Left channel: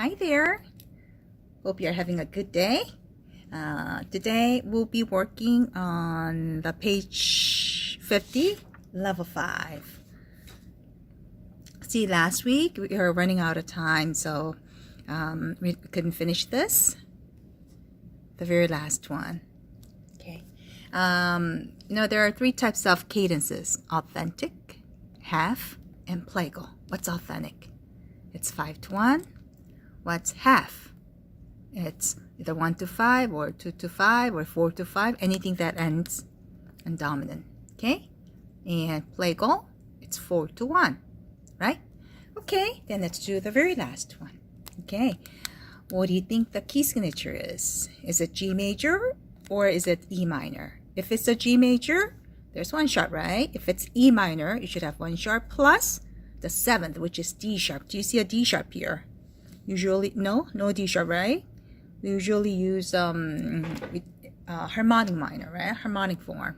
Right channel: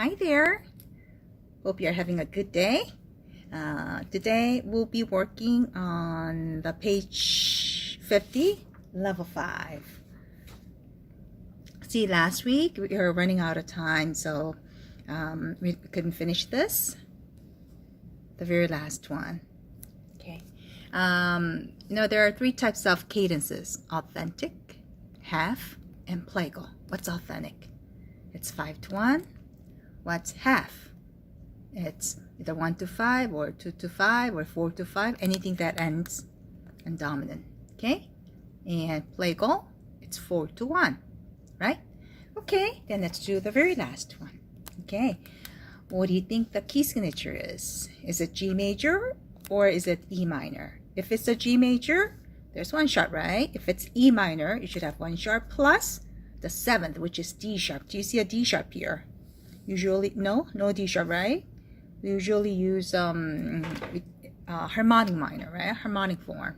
Hi there. Hope you're having a good day. Today we'll be working on the page 50, level 5. See, last week we were running out of time, so we couldn't finish this. The very last one. Okay. There are 3 types of cadences: authentic, half, and plagal. What's authentic? It's 5-1. What's half? It's either 1-5 or 2-5 or 4-5, anything that ends in dominant. Okay? And plagal, it's 4-1, right? Okay, then let's do the very last one. Okay, what do you think the key signature is? Is it G major or is it E minor? If it's a G major, there's 1 sharp, right? If it's E minor, you should have 1 sharp plus the 7th, which is D sharp. Do you see a D sharp here? Usually, no D sharp, right? We usually use harmonic minor, right? Harmonic form.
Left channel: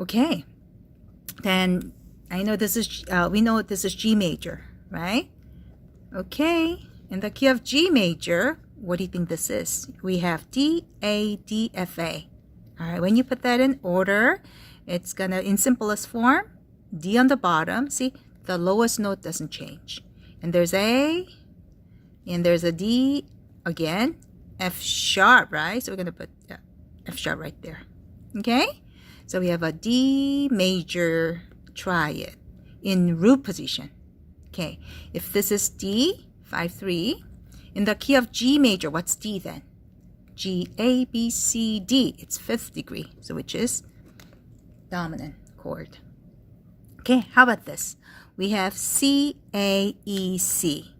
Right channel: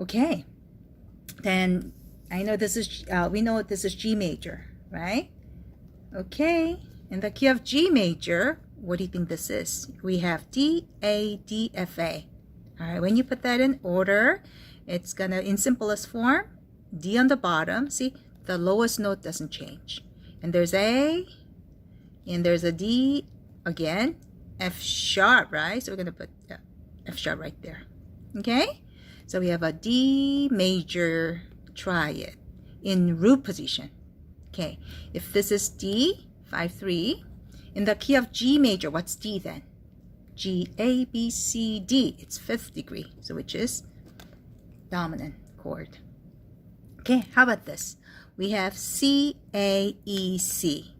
Okay, then I know this is we know this is G major, right? Okay, in the key of G major, what do you think this is? We have D, A, D, F, A. All right, when you put that in order, it's gonna, in simplest form, D on the bottom. See, the lowest note doesn't change. And there's A, and there's a D again, F sharp, right? So we're gonna put F sharp right there. Okay, so we have a D major triad in root position. Okay, if this is D, 5-3, in the key of G major, what's D then? G, A, B, C, D. It's 5th degree, so which is dominant chord. Okay, how about this? We have C, A, E, C.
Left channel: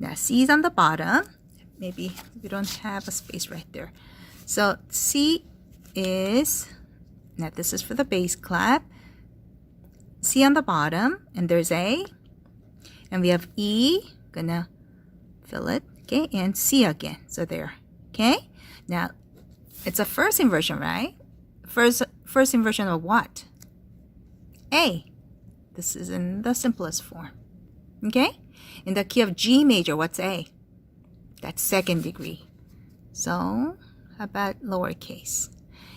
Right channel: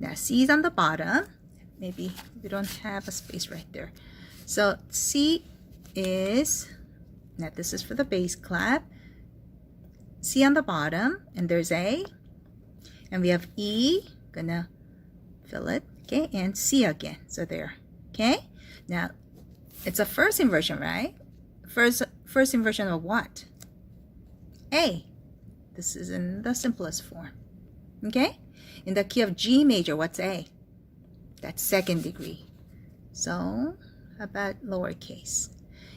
Now C is on the bottom. Maybe we don't have a space right there. So C is, now this is for the bass clap. C on the bottom, and there's A. And we have E, gonna fill it, okay, and C again. So there, okay? Now, it's a first inversion, right? First inversion of what? A. This is in the simplest form, okay? In the key of G major, what's A? That's 2nd degree. So, how about lowercase?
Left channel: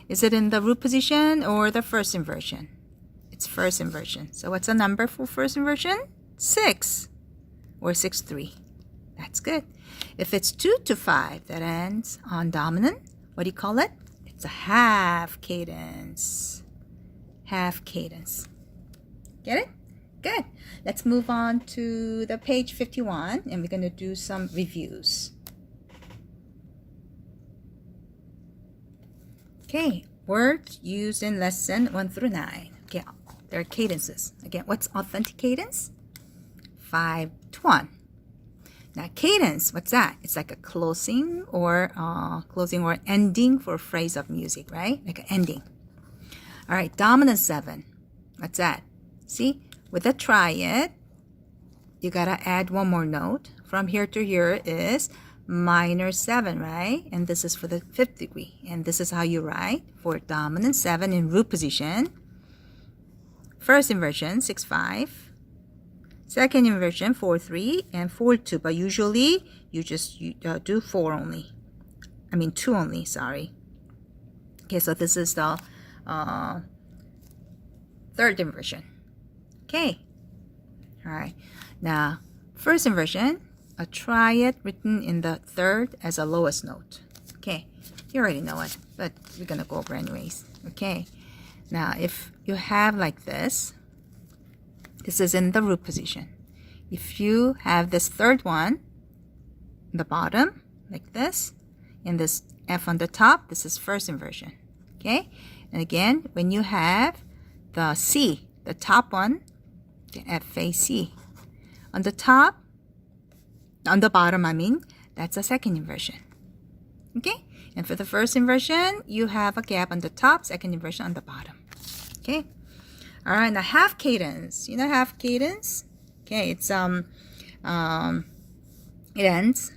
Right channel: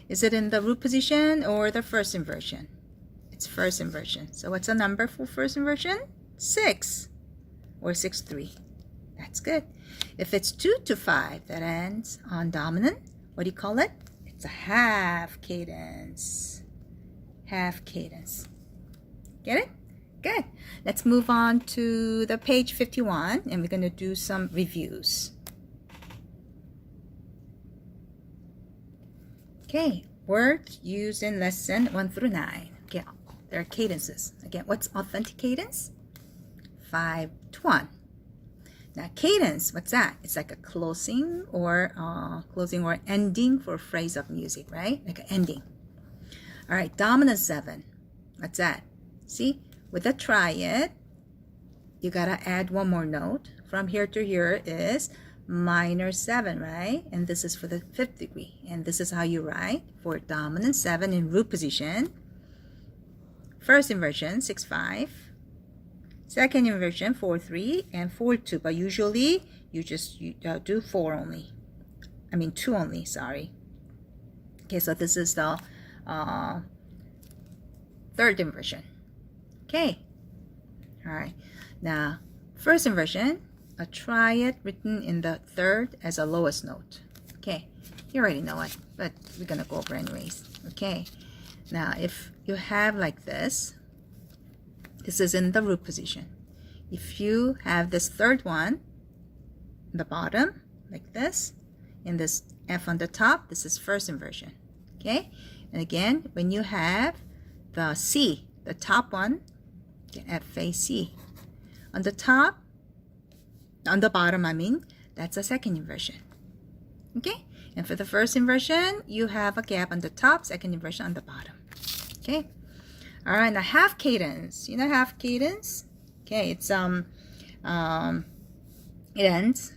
Is it in the root position or the first inversion? It's first inversion. So what's the number for first inversion? 6 or 6-3. That's good. If it's 2-5 that ends on dominant, what do you call it? It's a half cadence. Half cadence. Get it? Good. Let's move on to the page 51, and we're going to do some reviews. Okay, words used in lesson 1-9. Okay, there are cadences. Again, what's authentic cadence? 5-1. Now, cadence, what's that? It's like a closing or ending for a phrase of music, right? Like an ending. All right, dominant 7. What's that? See, with a triad, you gotta add 1 more note. From here to here is minor 7, right? And this is for the 5th degree. And this is how you write for dominant 7 in root position. First inversion, 6-5. Second inversion, 4-3 and 4-2. But usually, you just do 4 only. I mean 2 only, sorry. Okay, so this is the 3rd inversion. Okay. All right. Now, first inversion, a triad written in the 3rd as a lowest note. Okay. You already know it, but we're going to go over anyways. Okay. Now, if you have like this is in the root position. If you have this 3rd one in the bottom, like this, and this F on the top, this is first inversion. Okay. And again, when you have the C, the top one, the F, A, C. On the top, on the bottom, I mean, that's a 2nd inversion. Okay? And for the first inversion, you have a gap on the top, 2nd inversion on the bottom. Okay? All right, now half cadence. You know half cadence? Okay, it's it ends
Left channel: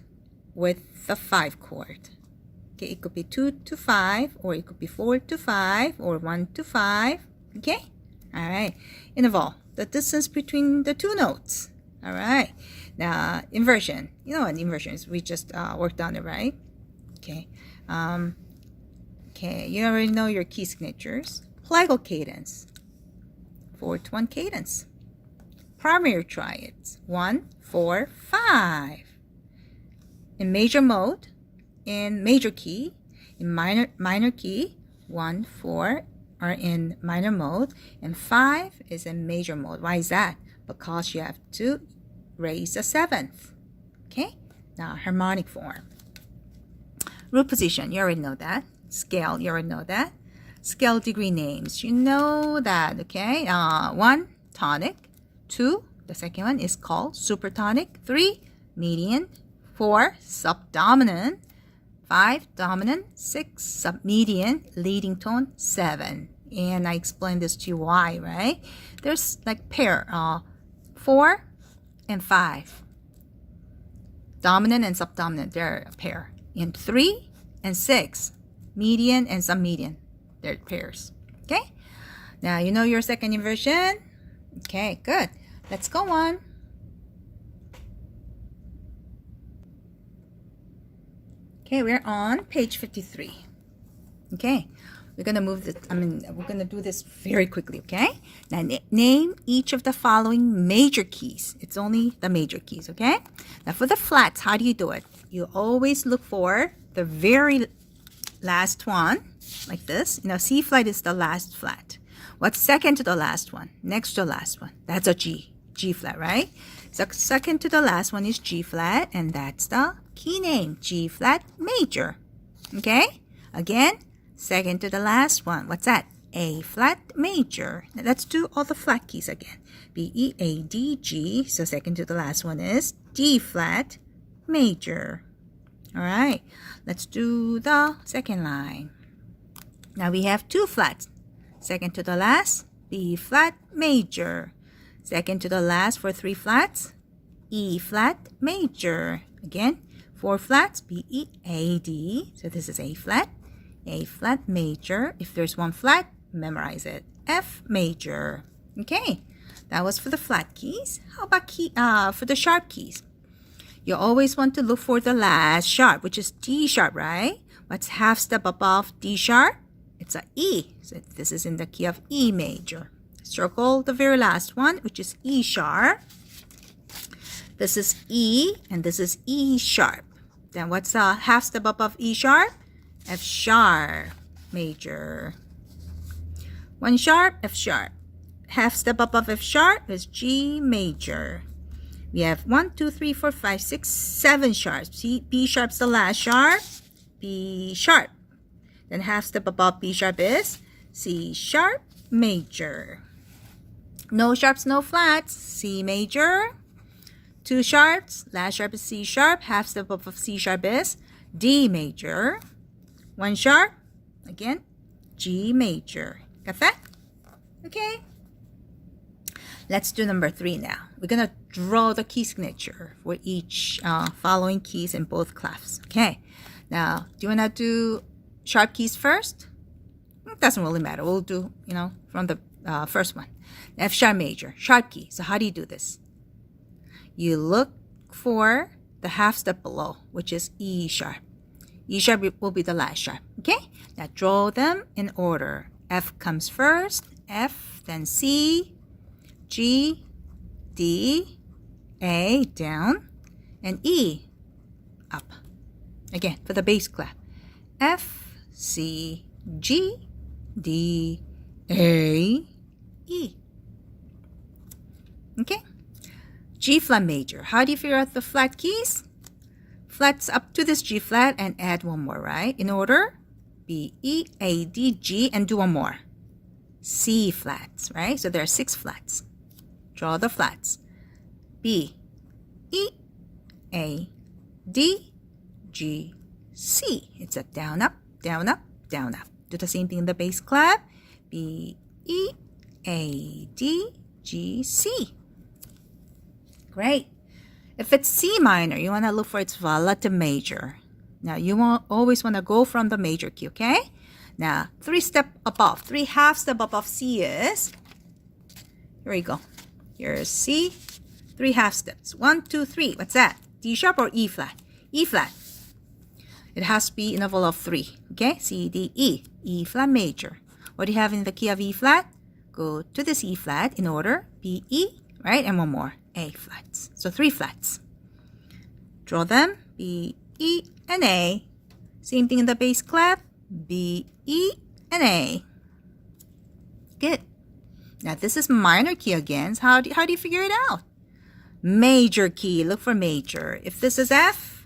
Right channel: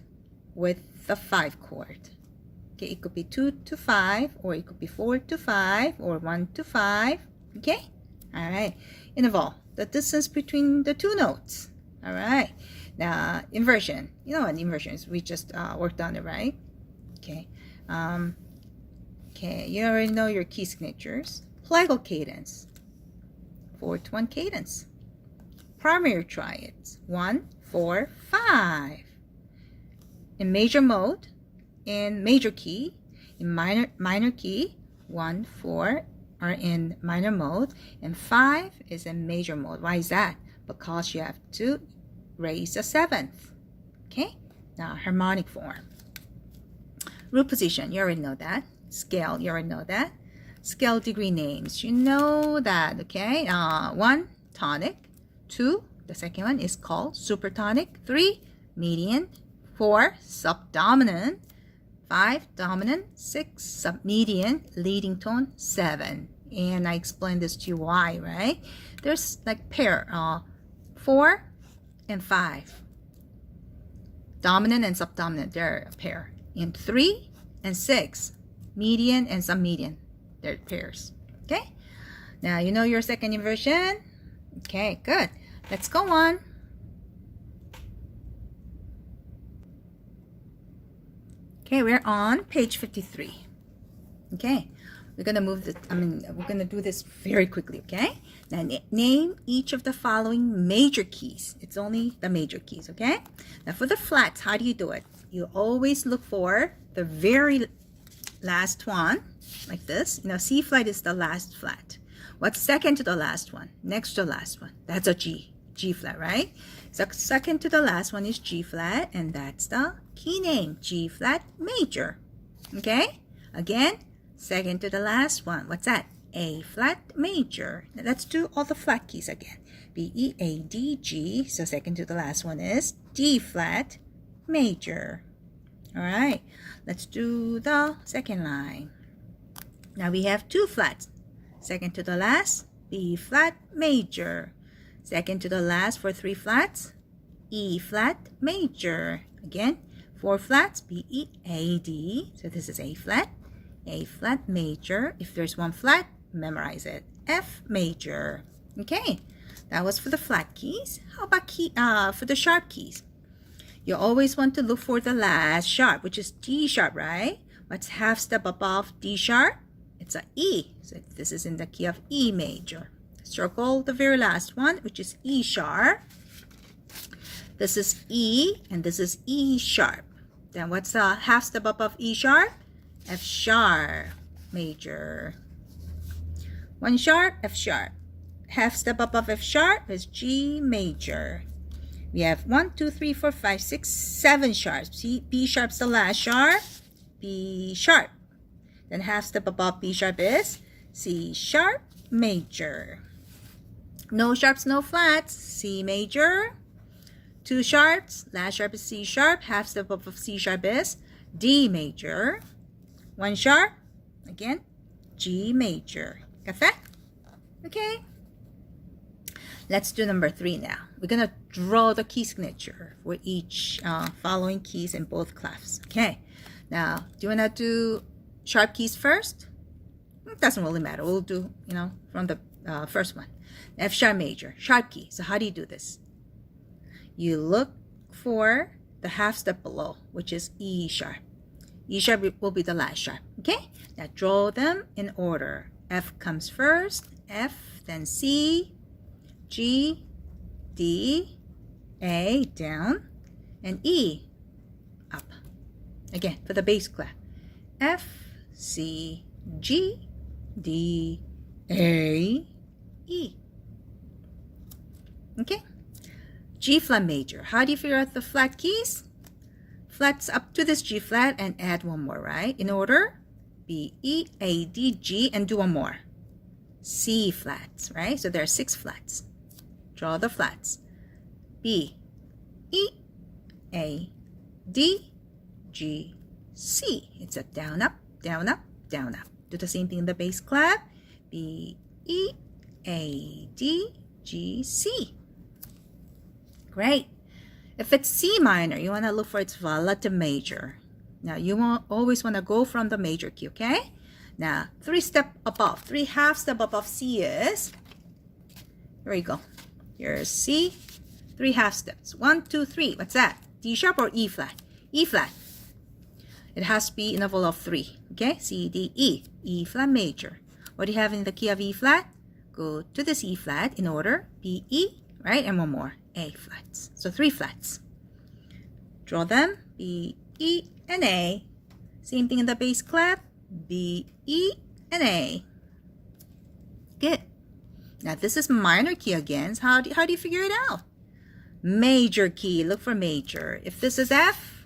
with the 5 chord. Okay, it could be 2-5, or it could be 4-5, or 1-5. Okay? All right. Interval, the distance between the 2 notes. All right. Inversion. You know what inversion is? We just worked on it, right? Okay. Okay, you already know your key signatures. Plagal cadence, 4/1 cadence. Primary triads, 1, 4, 5. In major mode, in major key, in minor key, 1, 4 are in minor mode, and 5 is in major mode. Why is that? Because you have to raise a 7th. Okay, now harmonic form. Root position, you already know that. Scale, you already know that. Scale degree names, you know that, okay? 1, tonic. 2, the second one is called supertonic. 3, median. 4, subdominant. 5, dominant. 6, submedian. Leading tone. 7. And I explained this to you why, right? There's like pair, 4 and 5. Dominant and subdominant, they're a pair. And 3 and 6, median and submedian, they're pairs. Okay? Now you know your second inversion? Okay, good. Let's go on. Okay, we're on page 53. Okay, we're gonna move this. We're gonna do this very quickly. Okay. Now name each of the following major keys. It's only the major keys. Okay. Now for the flats, how do you do it? You always look for the very last one, like this. You know, C flat is the last flat. What's second to the last one? Next to the last one. That's a G. G flat, right? So second to the last one is G flat, and that's the key name, G flat major. Okay? Again, second to the last one. What's that? A flat major. Now let's do all the flat keys again. B, E, A, D, G. So second to the last one is D flat major. All right. Let's do the second line. Now we have two flats. Second to the last, B flat major. Second to the last for three flats, E flat major. Again, four flats, B, E, A, D. So this is A flat major. If there's one flat, memorize it. F major. Okay, that was for the flat keys. How about for the sharp keys? You always want to look for the last sharp, which is D sharp, right? What's half step above D sharp? It's a E. So this is in the key of E major. Circle the very last one, which is E sharp. This is E, and this is E sharp. Then what's the half step above E sharp? F sharp major. One sharp, F sharp. Half step above F sharp is G major. We have 1, 2, 3, 4, 5, 6, 7 sharps. See, B sharp's the last sharp. B sharp. Then half step above B sharp is C sharp major. No sharps, no flats. C major. Two sharps. Last sharp is C sharp. Half step above C sharp is D major. One sharp. Again, G major. Got that? Okay. Let's do number 3 now. We're going to draw the key signature for each following keys in both clefs. Okay. Now, do you want to do sharp keys first? It doesn't really matter. We'll do, from the first one. F sharp major, sharp key. So how do you do this? You look for the half step below, which is E sharp. E sharp will be the last sharp. Okay? Now draw them in order. F comes first, F, then C, G, D, A, down, and E, up. Again, for the bass clef. F, C, G, D, A, E. Okay? G flat major. How do you figure out the flat keys? Flats up to this G flat and add one more, right? In order, B, E, A, D, G, and do one more. C flats, right? So there are 6 flats. Draw the flats. B, E, A, D, G, C. It's up, down, up, down, up, down, up. Do the same thing in the bass clef. B, E, A, D, G, C. Great. If it's C minor, you want to look for its relative major. Now, you always want to go from the major key, okay? Now, 3 half step above C is, here we go. Here's C, 3 half steps. 1, 2, 3. What's that? D sharp or E flat? E flat. It has to be interval of 3. Okay? C, D, E. E flat major. What do you have in the key of E flat? Go to this E flat in order. B, E, right? And one more. A flats. So 3 flats. Draw them. B, E, and A. Same thing in the bass clef. B, E, and A. Good. Now this is minor key again. So how do you figure it out? Major key. Look for major. If this is F,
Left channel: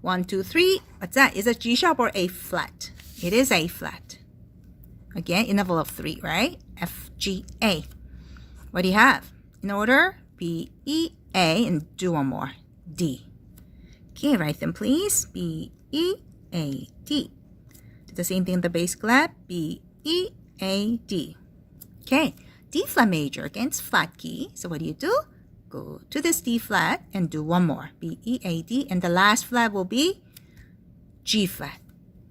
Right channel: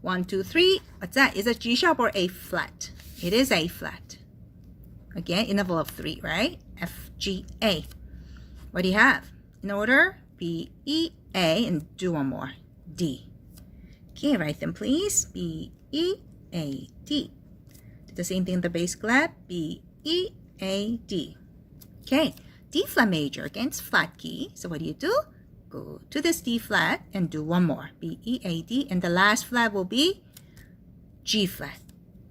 1, 2, 3. What's that? Is it G sharp or A flat? It is A flat. Again, interval of 3, right? F, G, A. What do you have? In order, B, E, A, and do one more. D. Okay, write them please. B, E, A, D. Do the same thing in the bass clef. B, E, A, D. Okay, D flat major. Again, it's flat key. So what do? Go to this D flat and do one more. B, E, A, D. And the last flat will be G flat.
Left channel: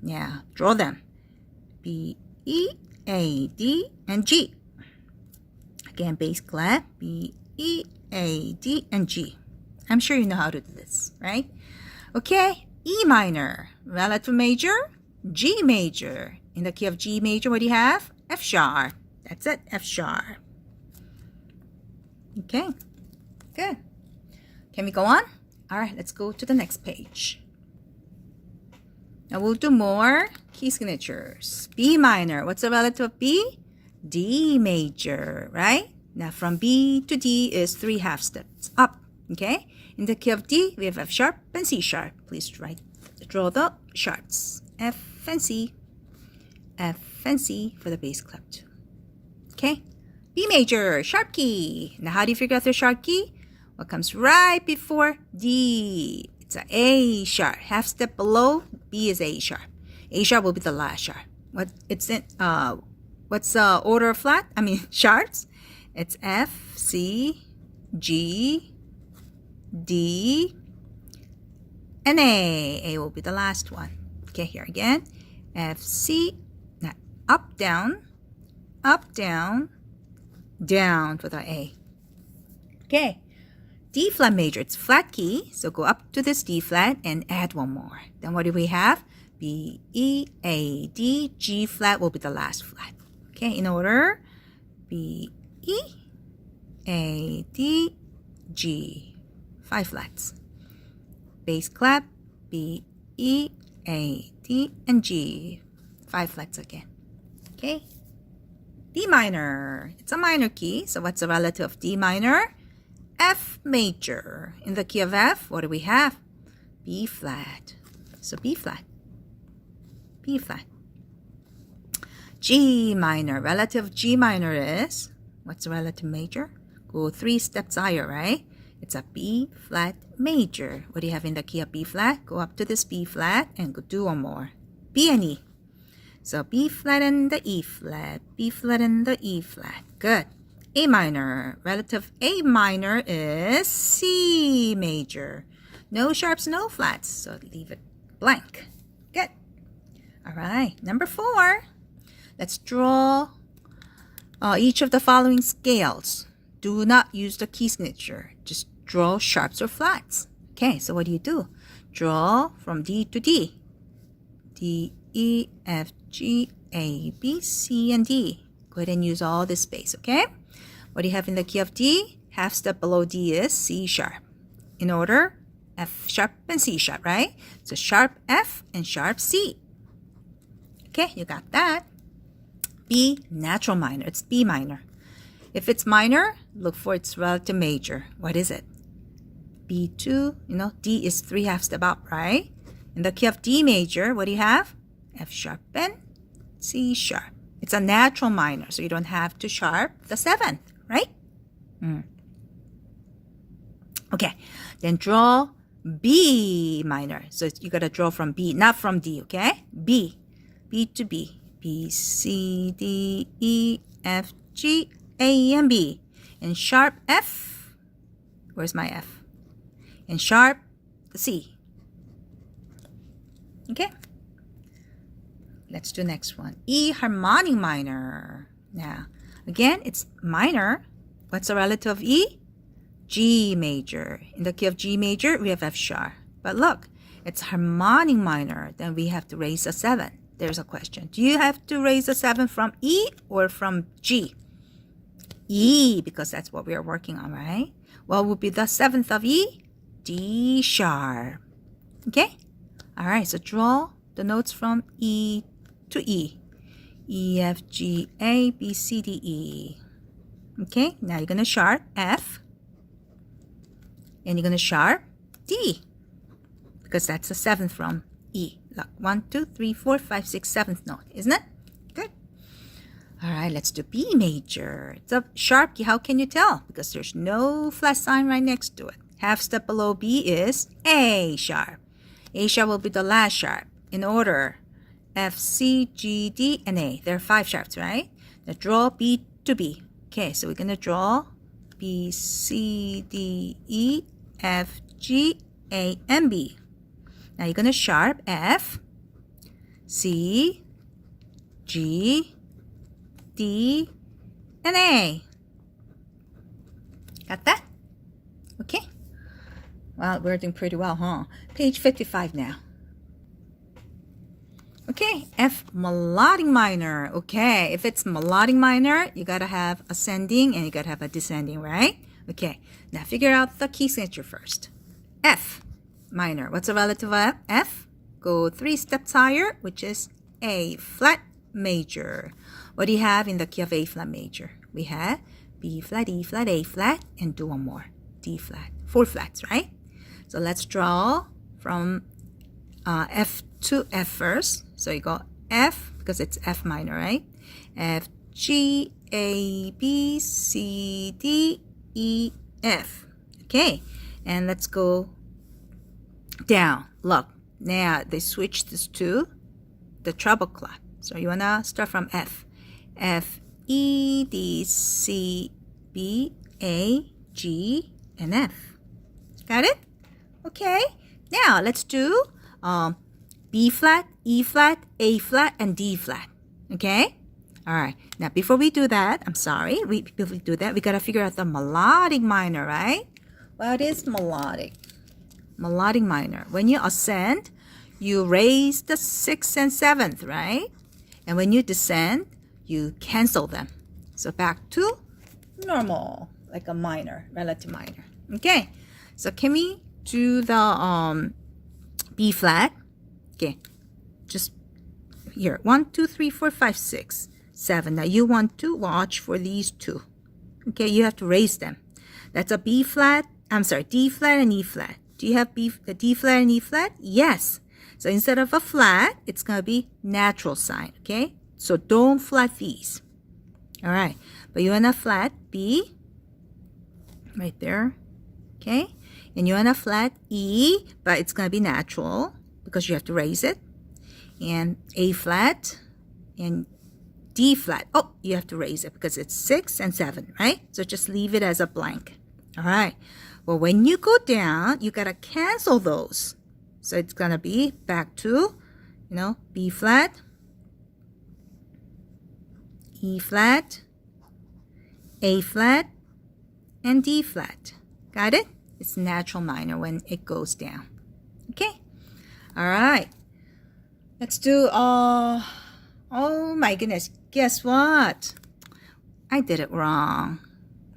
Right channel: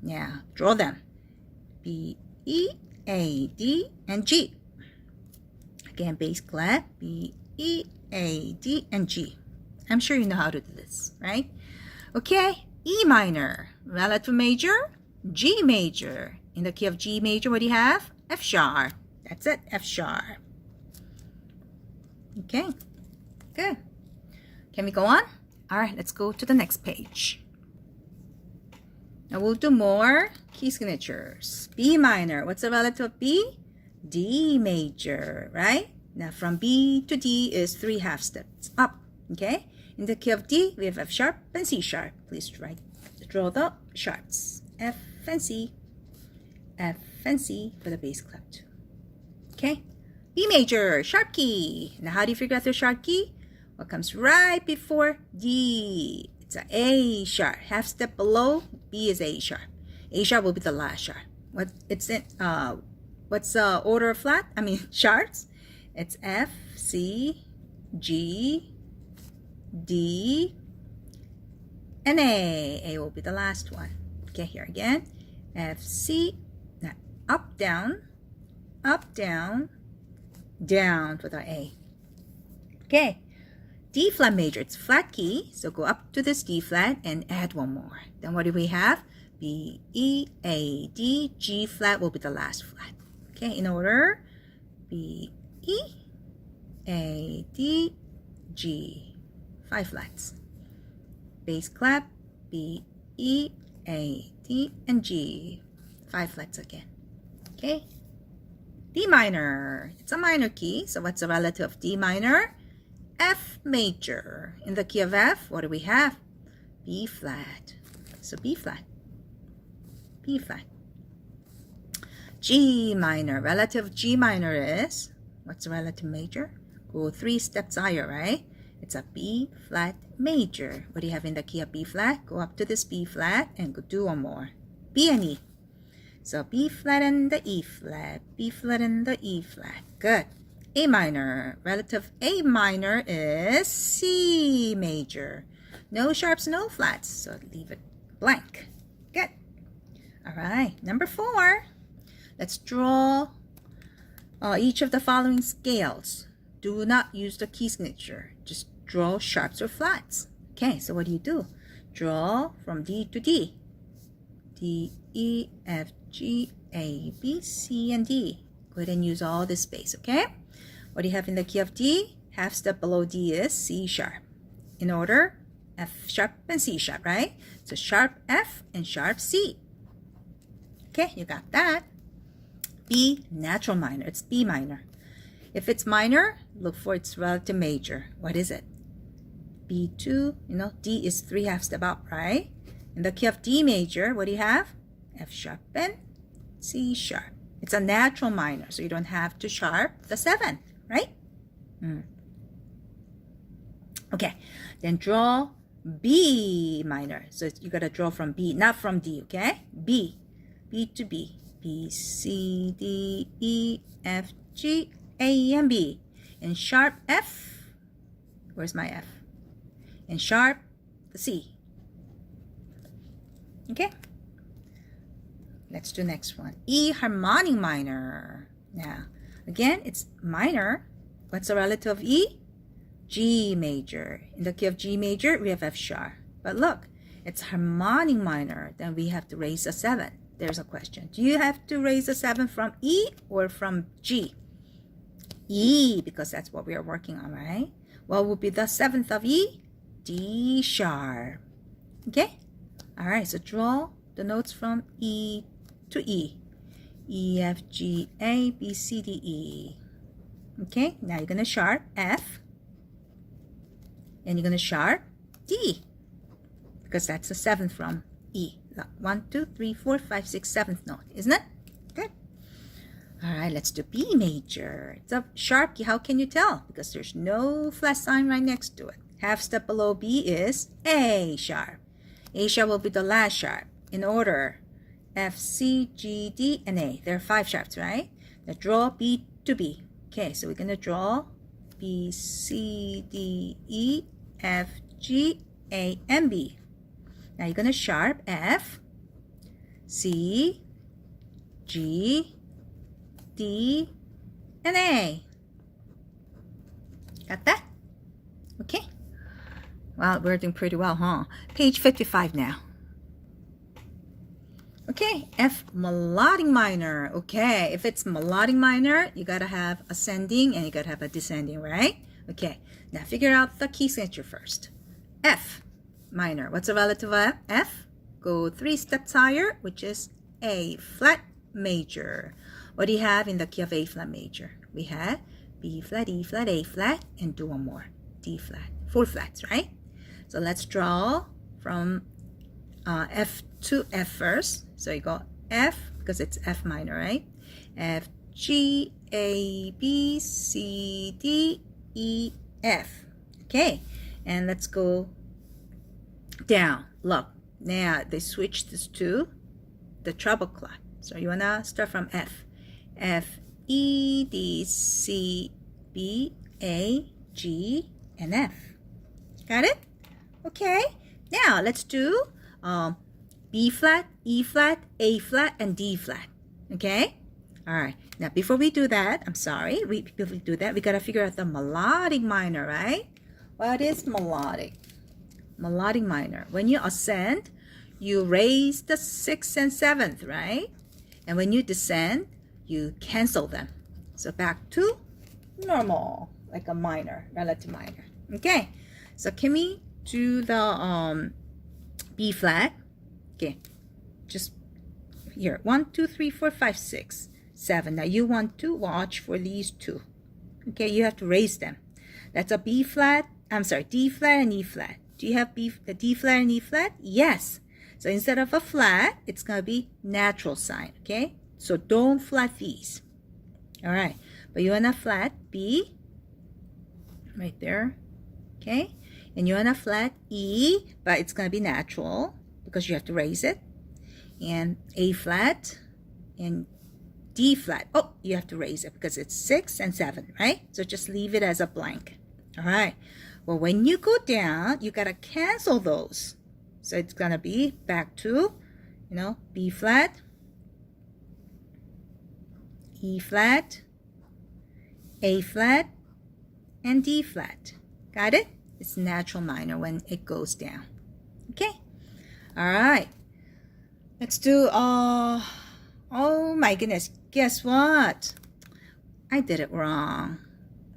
Yeah, draw them. B, E, A, D, and G. Again, bass clef. B, E, A, D, and G. I'm sure you know how to do this, right? Okay, E minor, relative major, G major. In the key of G major, what do you have? F sharp. That's it, F sharp. Okay, good. Can we go on? All right, let's go to the next page. Now we'll do more key signatures. B minor, what's the relative of B? D major, right? Now from B to D is 3 half steps up, okay? In the key of D, we have F sharp and C sharp. Please draw the sharps. F and C. F and C for the bass clef too. Okay? B major, sharp key. Now how do you figure out the sharp key? What comes right before D? It's an A sharp. Half step below, B is A sharp. A sharp will be the last sharp. What's the order of flat? Sharps. It's F, C, G, D, and A. A will be the last one. Okay, here again. F, C, now up, down, down for the A. Okay, D flat major, it's flat key, so go up to this D flat and add one more. Then what do we have? B, E, A, D, G flat will be the last flat. Okay, in order, B, E, A, D, G. 5 flats. Bass clef, B, E, A, D, and G. 5 flats again. Okay. D minor. It's a minor key. So what's the relative of D minor? F major. In the key of F, what do we have? B flat. So B flat. B flat. G minor. Relative of G minor is, what's the relative major? Go 3 steps higher, right? It's a B flat major. What do you have in the key of B flat? Go up to this B flat and go do one more. B and E. So B flat and the E flat. B flat and the E flat. Good. A minor. Relative A minor is C major. No sharps, no flats. So leave it blank. Good. All right. Number 4. Let's draw each of the following scales. Do not use the key signature. Just draw sharps or flats. Okay, so what do? Draw from D to D. D, E, F, G, A, B, C, and D. Go ahead and use all this space, okay? What do you have in the key of D? Half step below D is C sharp. In order, F sharp and C sharp, right? So sharp F and sharp C. Okay, you got that. B, natural minor. It's B minor. If it's minor, look for its relative major. What is it? B2, D is 3 half step up, right? In the key of D major, what do you have? F sharp and C sharp. It's a natural minor, so you don't have to sharp the 7th, right? Okay, then draw B minor. So you got to draw from B, not from D, okay? B to B. B, C, D, E, F, G, A, and B. And sharp F. Where's my F? And sharp C. Okay. Let's do next one. E harmonic minor. Now, again, it's minor. What's the relative of E? G major. In the key of G major, we have F sharp. But look, it's harmonic minor. Then we have to raise a 7. There's a question. Do you have to raise a 7 from E or from G? E, because that's what we are working on, right? What would be the 7th of E? D sharp. Okay? All right, so draw the notes from E to E. E, F, G, A, B, C, D, E. Okay, now you're going to sharp F. And you're going to sharp D. Because that's the 7th from E. Look, 1, 2, 3, 4, 5, 6, 7th note, isn't it? Good. All right, let's do B major. It's a sharp key. How can you tell? Because there's no flat sign right next to it. Half step below B is A sharp. A sharp will be the last sharp in order. F, C, G, D, and A. There are 5 sharps, right? Now draw B to B. Okay, so we're going to draw B, C, D, E, F, G, A, and B. Now you're going to sharp F, C, G, D, and A. Got that? Okay. Well, we're doing pretty well, huh? Page 55 now. Okay, F melodic minor. Okay, if it's melodic minor, you gotta have ascending and you gotta have a descending, right? Okay, now figure out the key signature first. F minor. What's the relative of F? Go 3 steps higher, which is A flat major. What do you have in the key of A flat major? We have B flat, E flat, A flat, and do one more. D flat. 4 flats, right? So let's draw from F to F first. So you go F, because it's F minor, right? F, G, A, B, C, D, E, F. Okay, and let's go down. Look, now they switched this to the treble clef. So you want to start from F. F, E, D, C, B, A, G, and F. Got it? Okay, now let's do B flat, E flat, A flat, and D flat. Okay? All right. Now, before we do that, before we do that, we got to figure out the melodic minor, right? What is melodic? Melodic minor. When you ascend, you raise the 6th and 7th, right? And when you descend, you cancel them. So back to normal, like a minor, relative minor. Okay. So can we do the B flat? Okay, just here. 1, 2, 3, 4, 5, 6, 7. Now you want to watch for these 2. Okay, you have to raise them. That's a B flat. I'm sorry, D flat and E flat. Do you have the D flat and E flat? Yes. So instead of a flat, it's gonna be natural sign. Okay, so don't flat these. All right, but you want a flat B right there. Okay, and you want a flat E, but it's gonna be natural, because you have to raise it, and A flat and D flat. Oh, you have to raise it because it's 6 and 7, right? So just leave it as a blank. All right. Well, when you go down, you gotta cancel those. So it's gonna be back to, B flat, E flat, A flat, and D flat. Got it? It's natural minor when it goes down. Okay. All right, let's do, oh my goodness, guess what? I did it wrong.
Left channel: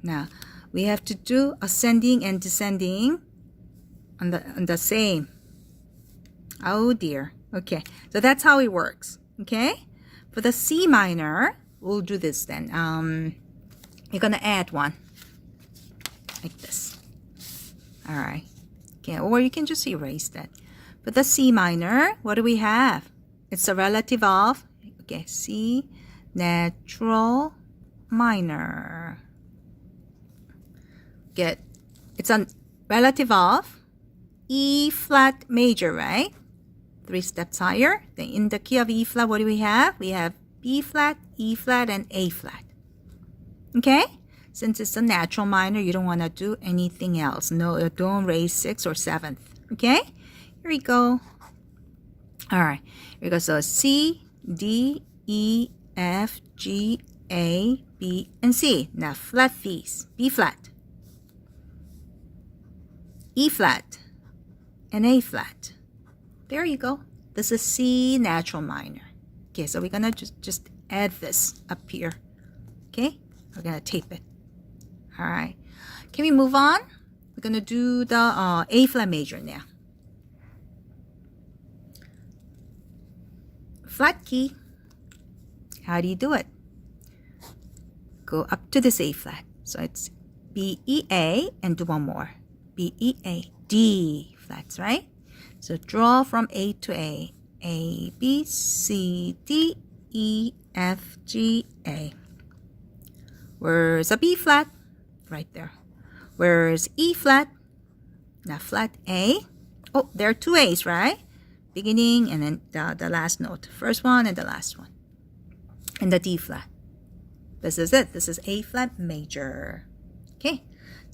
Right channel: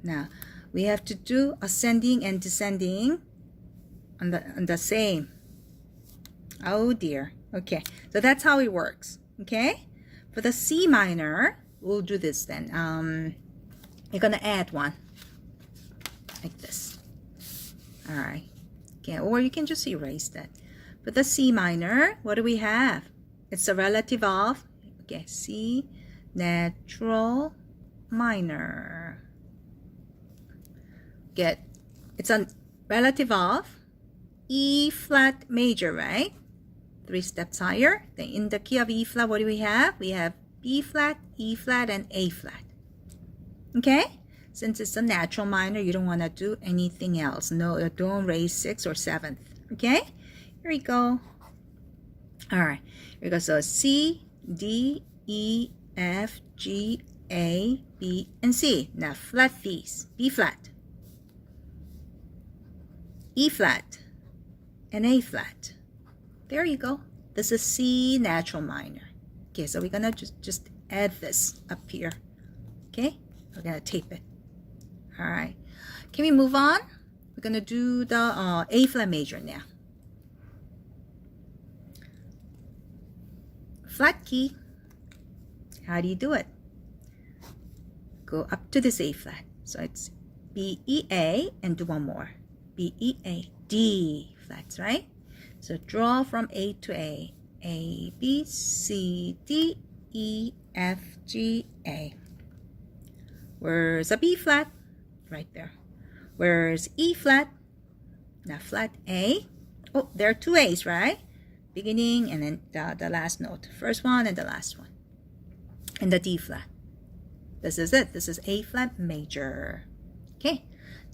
Now, we have to do ascending and descending on the same. Oh dear. Okay, so that's how it works. Okay, for the C minor, we'll do this then. You're gonna add 1, like this. All right, okay, or you can just erase that. For the C minor, what do we have? It's a relative of, okay, C natural minor. It's a relative of E flat major, right? 3 steps higher. Then in the key of E flat, what do we have? We have B flat, E flat, and A flat. Okay? Since it's a natural minor, you don't want to do anything else. No, don't raise 6th or 7th. Okay? Here we go. All right. Here we go. So C, D, E, F, G, A, B, and C. Now flat these. B flat. E flat, and A flat. There you go. This is C natural minor. Okay, so we're gonna just add this up here. Okay, we're gonna tape it. All right. Can we move on? We're gonna do the A flat major now. Flat key. How do you do it? Go up to this A flat. So it's B, E, A, and do one more. B, E, A, D flats, right? So draw from A to A. A, B, C, D, E, F, G, A. Where's a B flat? Right there. Where's E flat? Now flat A. Oh, there are two A's, right? Beginning and then the last note. First one and the last one. And the D flat. This is it. This is A flat major. Okay.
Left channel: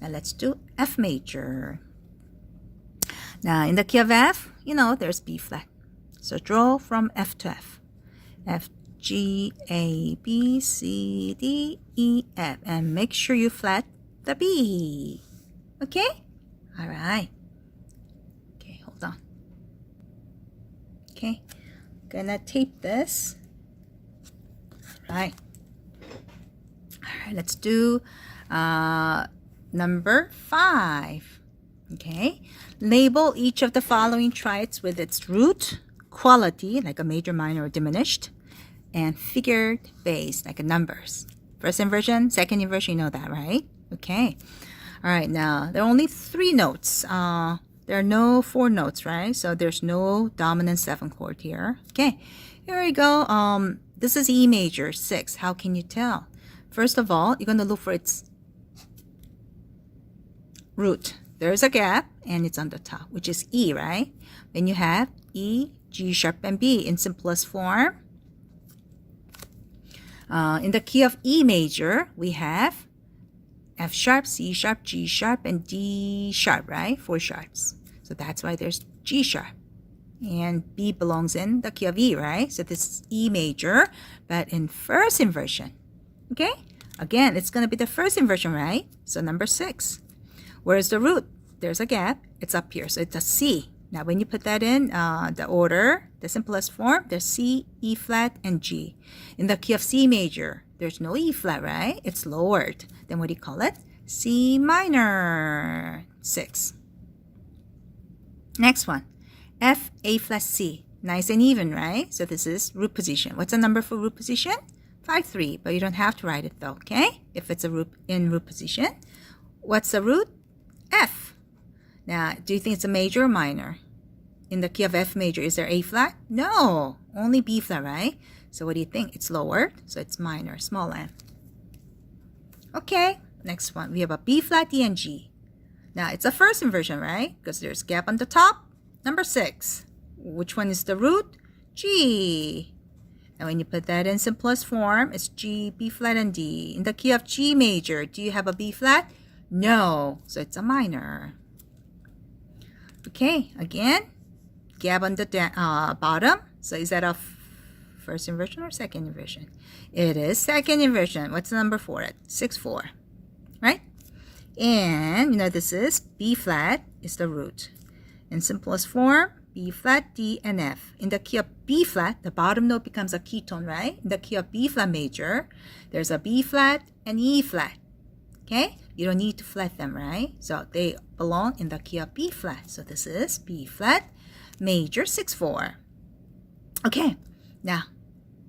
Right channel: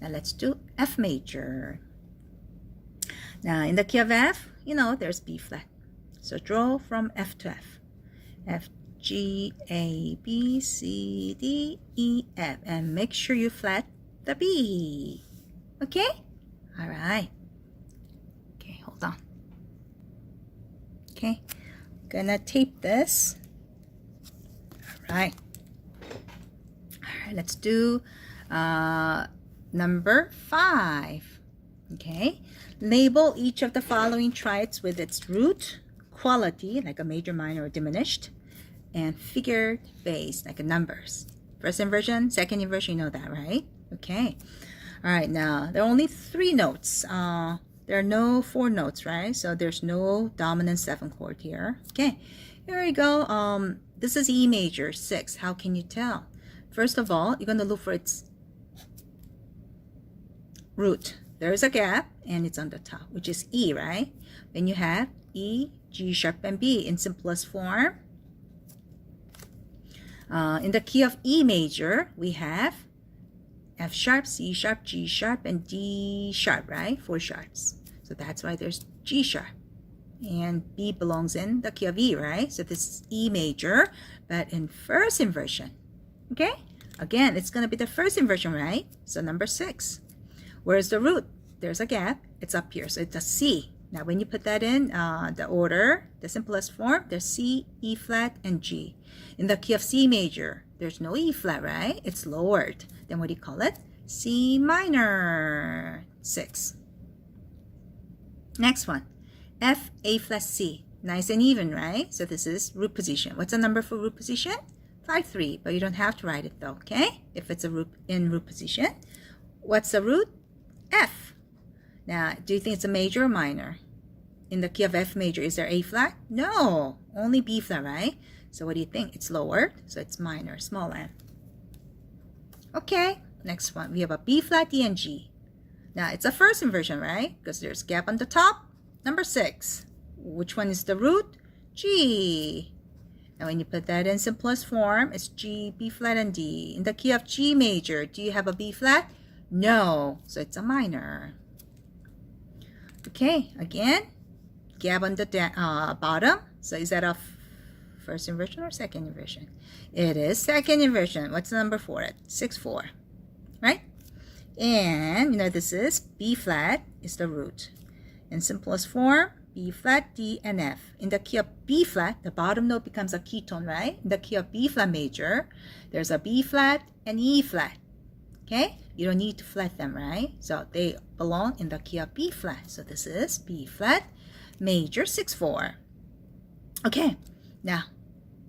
Now let's do F major. Now in the key of F, you know, there's B flat. So draw from F to F. F, G, A, B, C, D, E, F. And make sure you flat the B. Okay? All right. Okay, hold on. Okay. Gonna tape this. All right. All right, let's do number 5. Okay. Label each of the following triads with its root, quality, like a major, minor, or diminished, and figured base, like a numbers. First inversion, second inversion, you know that, right? Okay. All right, now there are only 3 notes. There are no 4 notes, right? So there's no dominant 7 chord here. Okay, here we go. This is E major 6. How can you tell? First of all, you're going to look for its root. There's a gap, and it's on the top, which is E, right? Then you have E, G sharp, and B in simplest form. In the key of E major, we have F sharp, C sharp, G sharp, and D sharp, right? 4 sharps. So that's why there's G sharp. And B belongs in the key of E, right? So this is E major, but in first inversion. Okay? Again, it's going to be the first inversion, right? So number 6. Where's the root? There's a gap. It's up here. So it's a C. Now, when you put that in the order, the simplest form, there's C, E flat, and G. In the key of C major, there's no E flat, right? It's lowered. Then what do you call it? C minor 6. Next one. F, A flat, C. Nice and even, right? So this is root position. What's the number for root position? 5, 3. But you don't have to write it though, okay? If it's a root in root position. What's the root? F. Now, do you think it's a major or minor? In the key of F major, is there A flat? No, only B flat, right? So what do you think? It's lowered, so it's minor, small m. Okay, next one. We have a B flat, D, and G. Now, it's a first inversion, right? Because there's gap on the top. Number 6. Which one is the root? G. Now, when you put that in simplest form, it's G, B flat, and D. In the key of G major, do you have a B flat? No, so it's a minor. Okay, again, gap on the bottom. So is that a first inversion or second inversion? It is second inversion. What's the number for it? 6, 4, right? And, you know, this is B flat is the root. In simplest form, B flat, D, and F. In the key of B flat, the bottom note becomes a ketone, right? In the key of B flat major, there's a B flat and E flat. Okay? You don't need to flat them, right? So they belong in the key of B flat. So this is B flat major 6, 4. Okay, now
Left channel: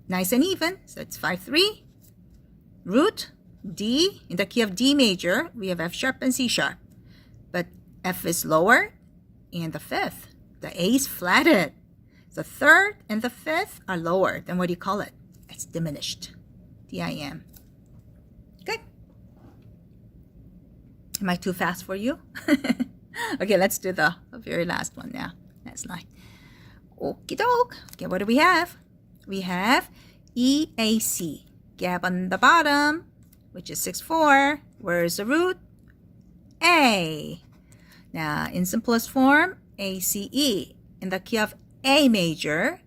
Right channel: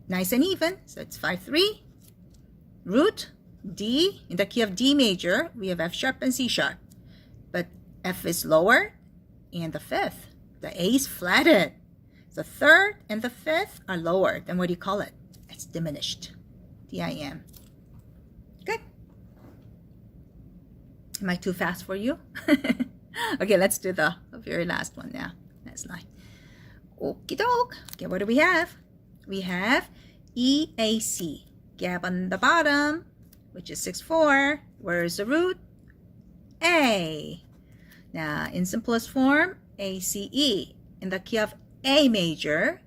nice and even. So it's 5, 3. Root D. In the key of D major, we have F sharp and C sharp. But F is lower, and the 5th, the A is flatted. The 3rd and the 5th are lower. Then what do you call it? It's diminished. D-I-M. Okay. Am I too fast for you? Okay, let's do the very last one now. Last line. Okie doke. Okay, what do we have? We have EAC. Gap on the bottom, which is 6, 4. Where is the root? A. Now, in simplest form, ACE. In the key of A major,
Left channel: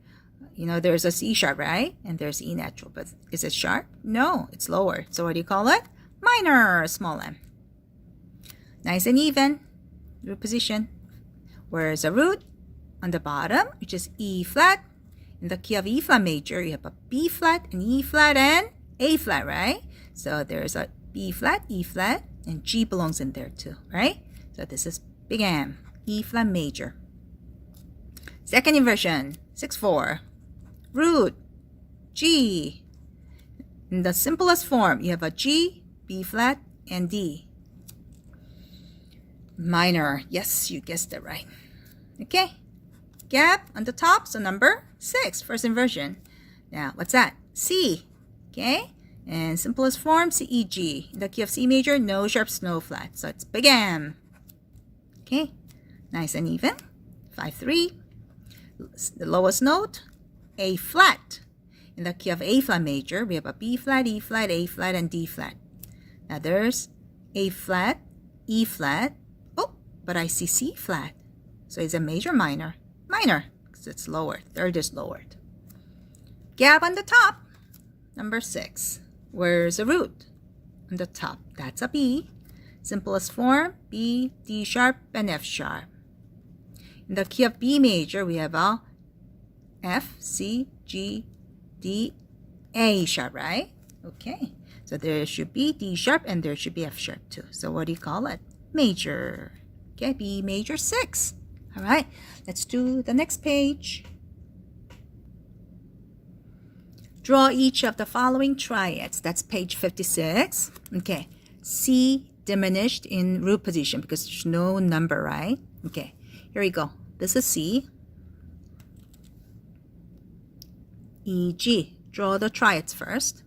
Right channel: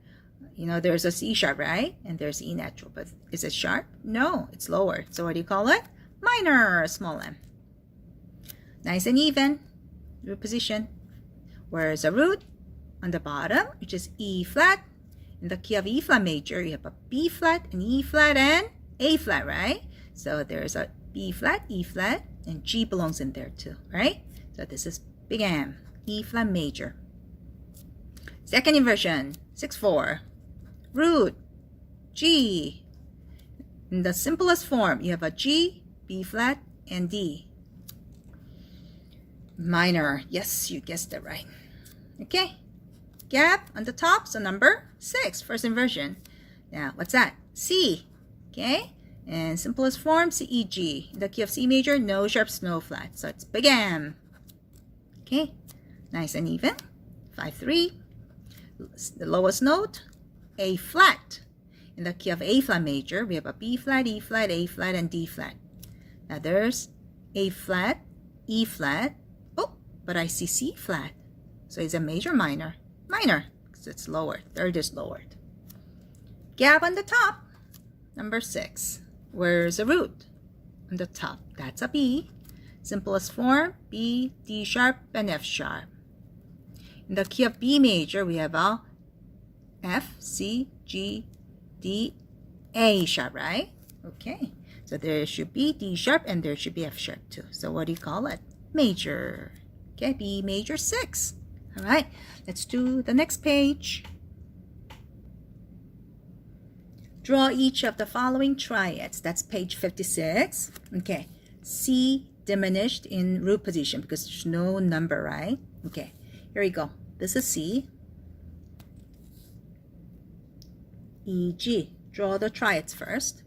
you know, there's a C sharp, right? And there's E natural, but is it sharp? No, it's lower. So what do you call it? Minor, small m. Nice and even. root position. Where's the root? On the bottom, which is E flat. In the key of E flat major, you have a B flat, an E flat, and A flat, right? So there's a B flat, E flat, and G belongs in there too, right? So this is big M, E flat major. Second inversion, 6/4. Root, G. In the simplest form, you have a G, B flat, and D. Minor, yes, you guessed it right. Okay, gap on the top, so number 6, first inversion. Now, what's that? C, okay? And simplest form, C, E, G. In the key of C major, no sharps, no flat. So it's big M. Okay, nice and even. 5/3. The lowest note, A flat. In the key of A flat major, we have a B flat, E flat, A flat, and D flat. Now there's A flat, E flat. Oh, but I see C flat. So it's a major, minor? Minor, because it's lowered. Third is lowered. Gap on the top, number 6. Where's the root? On the top, that's a B. Simplest form, B, D sharp, and F sharp. In the key of B major, we have a F, C, G, D, A sharp, right? Okay, so there should be D sharp and there should be F sharp too. So what do you call it? Major. Okay, B major 6. All right, let's do the next page. Draw each of the following triads. That's page 56. Okay, C diminished in root position because there's no number, right? Okay, here we go. This is C. E, G. Draw the triads first.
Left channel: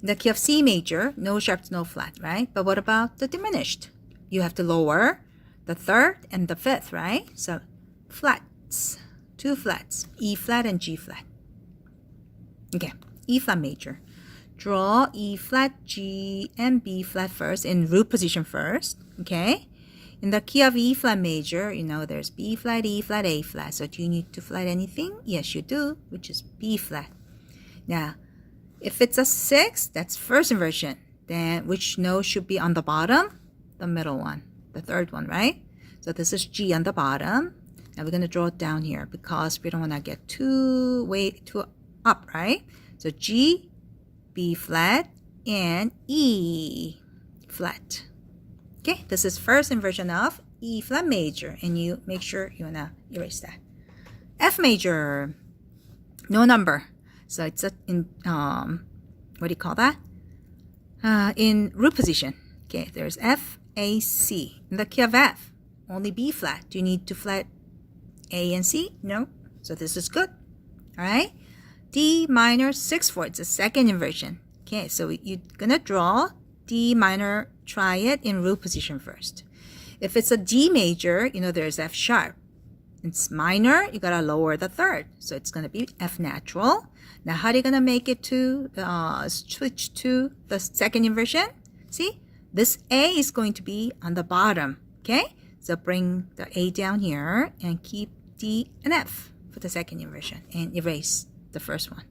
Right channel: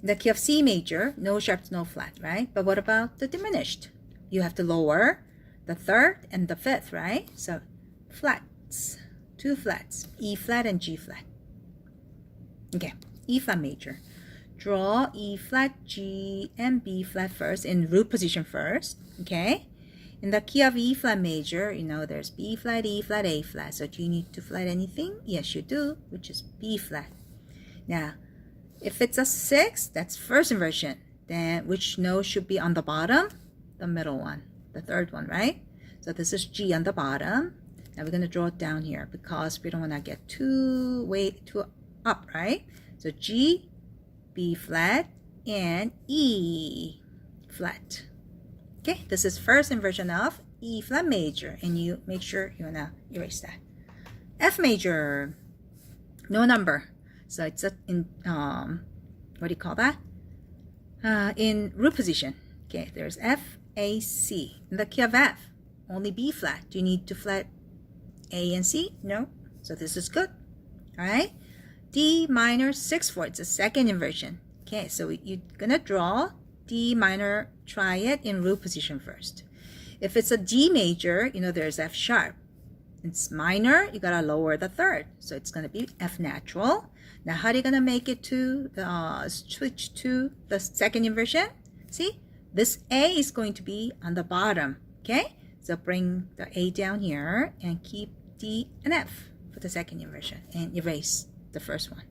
In the key of C major, no sharps, no flat, right? But what about the diminished? You have to lower the third and the fifth, right? So flats, 2 flats, E flat and G flat. Okay, E flat major. Draw E flat, G, and B flat first in root position first, okay? In the key of E flat major, you know there's B flat, E flat, A flat. So do you need to flat anything? Yes, you do, which is B flat. Now, if it's a 6, that's first inversion. Then which note should be on the bottom? The middle one, the third one, right? So this is G on the bottom. Now we're going to draw it down here because we don't want to get too up, right? So G, B flat, and E flat. Okay, this is first inversion of E flat major, and you make sure you wanna erase that. F major, no number, so it's in what do you call that? In root position. Okay, there's F, A, C. In the key of F, only B flat. Do you need to flat A and C? No. So this is good. All right. D minor 6/4. It's a second inversion. Okay, so you're gonna draw D minor triad in root position first. If it's a D major, you know there's F sharp. It's minor, you gotta lower the third. So it's gonna be F natural. Now how are you gonna make it to switch to the second inversion? See, this A is going to be on the bottom. Okay, so bring the A down here and keep D and F for the second inversion and erase the first one.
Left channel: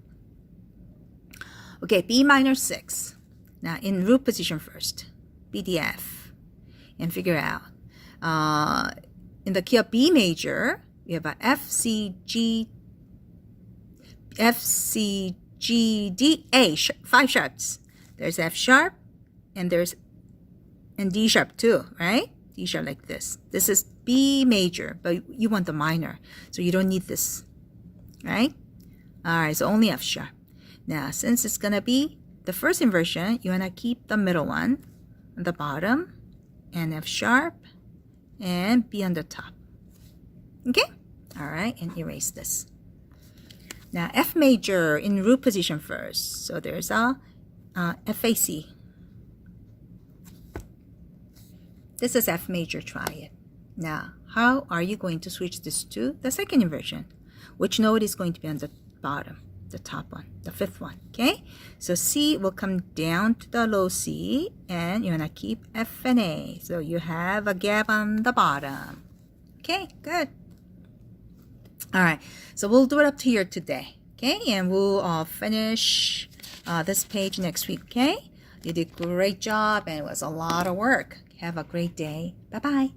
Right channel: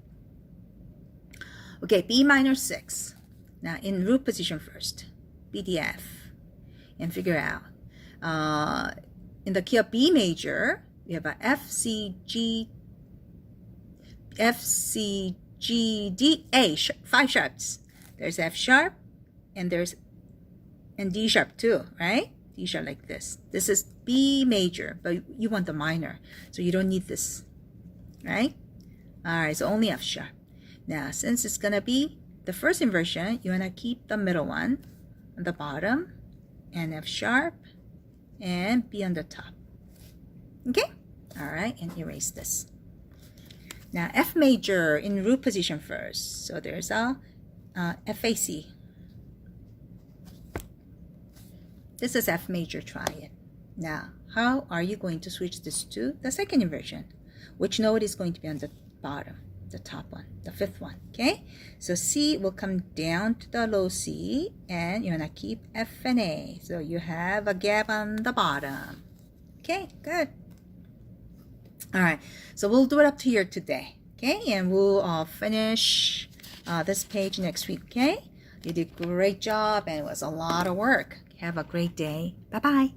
Okay, B minor 6. Now in root position first, B, D, F, and figure out. In the key of B major, we have a F, C, G, D, A, 5 sharps. There's F sharp, and D sharp too, right? D sharp like this. This is B major, but you want the minor, so you don't need this, right? All right, so only F sharp. Now, since it's gonna be the first inversion, you wanna keep the middle one on the bottom, and F sharp, and B on the top. Okay? All right, and erase this. Now, F major in root position first. So there's a FAC. This is F major triad. Now, how are you going to switch this to the second inversion? Which note is going to be on the bottom? The top one, the fifth one, okay? So C will come down to the low C, and you're gonna keep F and A. So you have a gap on the bottom. Okay, good. All right, so we'll do it up to here today, okay? And we'll finish this page next week, okay? You did a great job, and it was a lot of work. Have a great day. Bye-bye.